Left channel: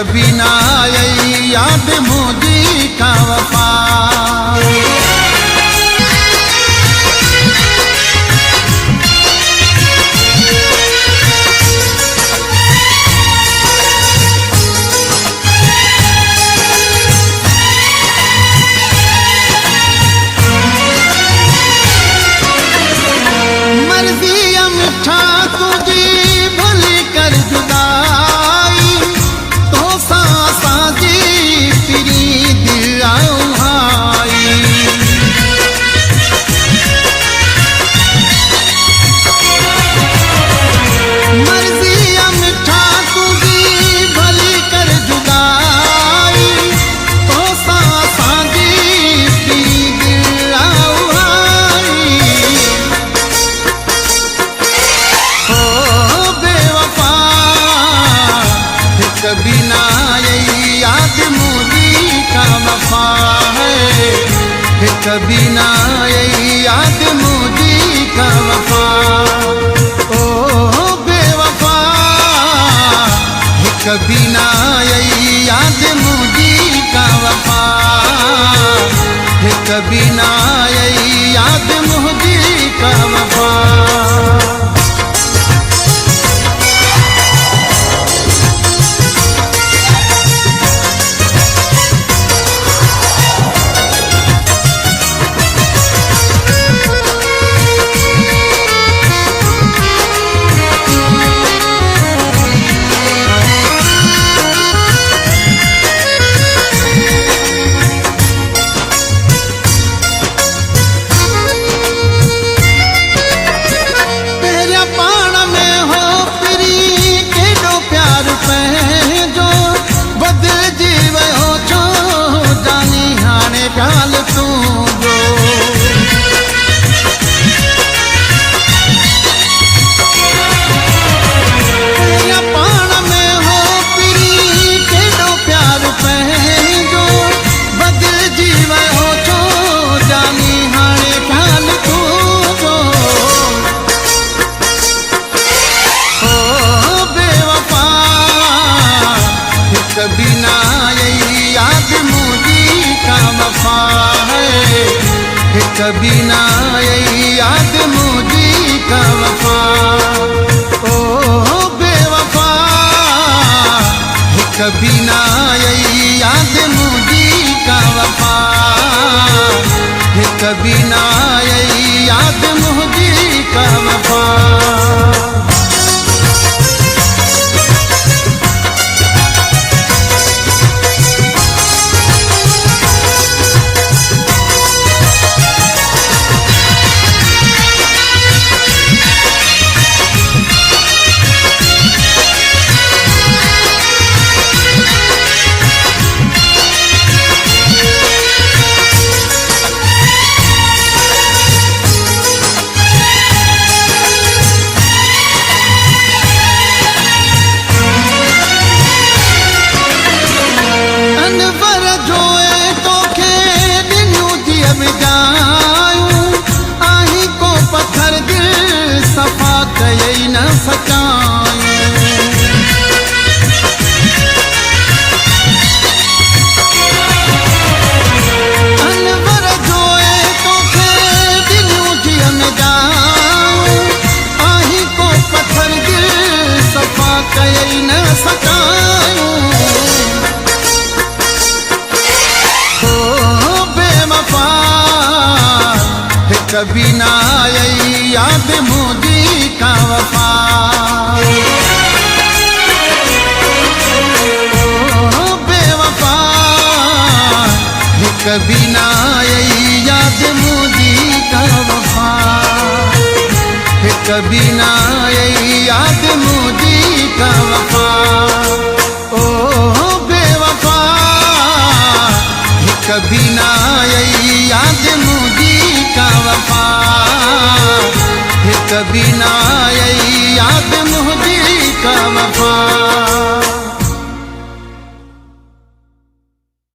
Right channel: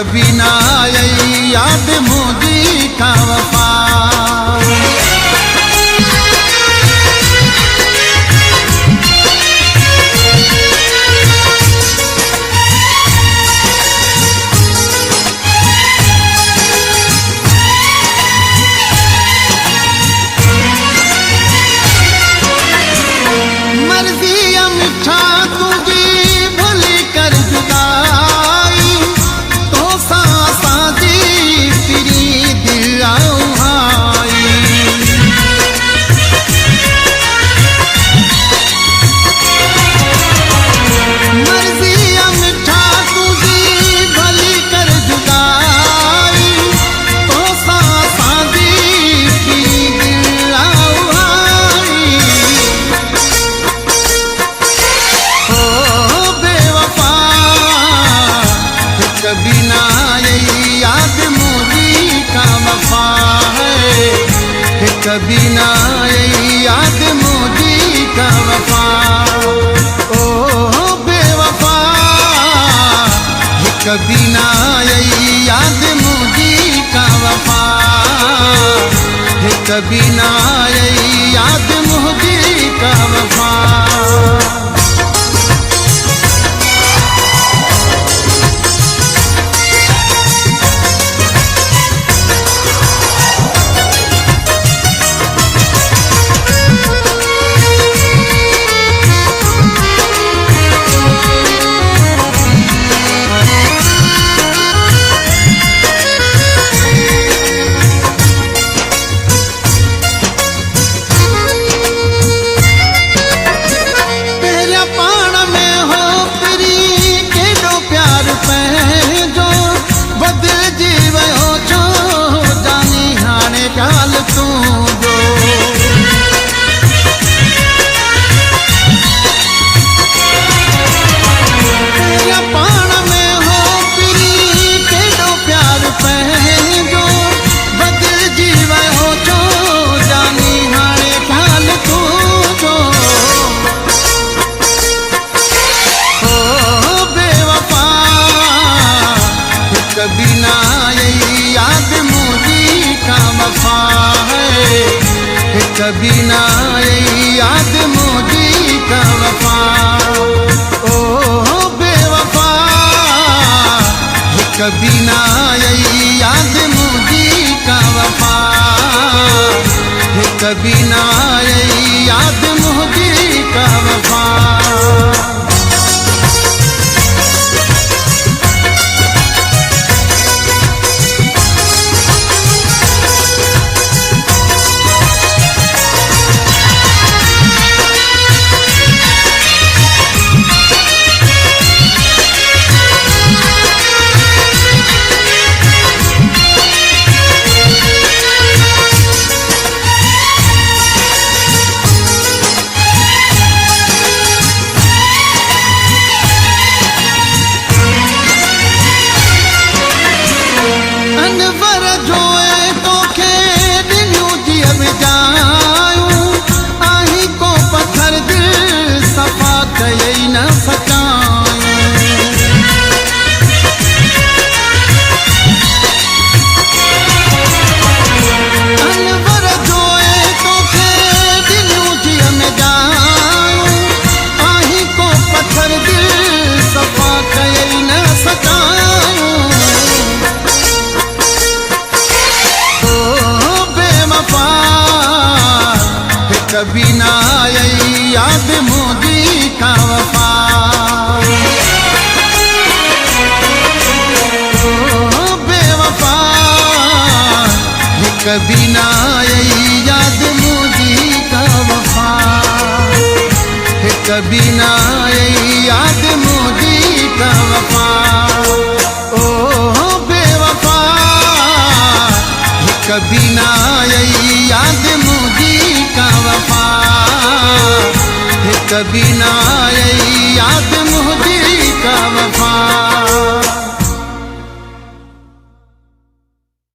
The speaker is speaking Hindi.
कभी ना आई याद मुझी का वफा। मर्जी मिठा तुझी भली कर जुदाई तो साजी फिरी दिल आई। मर्जी मिठा तुझी भली कर जुदाई तो साजी फिरी दिल आई। कभी ना आई याद मुझी का वफा है, कभी ना आई याद मुझी का वफा। ओ बेवफा कभी ना आई याद मुझी का वफा, कभी ना आई याद मुझी का वफा। जो बदल जीवो छो जानी हाणे ॻाल तू जो। पाण में हो पिरी केॾो प्यार पंहिंजो बदल जीवो छो जानी हाणे ॻाल तू जो। कभी ना आई याद मुझी का वफा है, कभी ना आई याद मुझी का वफा। ओ बेवफा कभी ना आई याद मुझी का वफा, कभी ना आई याद मुझी का वफा। अनवर जोए तोखे दिलियूं जीअ में जायूं आही को पत्थर दिल सफ़ा कयई न सचायूं। अनवर जोए तोखे दिलियूं जीअ में जायूं आही को पत्थर दिल सफ़ा कयई न सचायूं। कभी ना आई याद मुझी का वफा। ओ बेवफा कभी ना आई याद मुझी का वफा, कभी ना आई याद मुझी का वफा। ओ बेवफा कभी ना आई याद मुझी का वफा, कभी ना आई याद मुझी का वफा।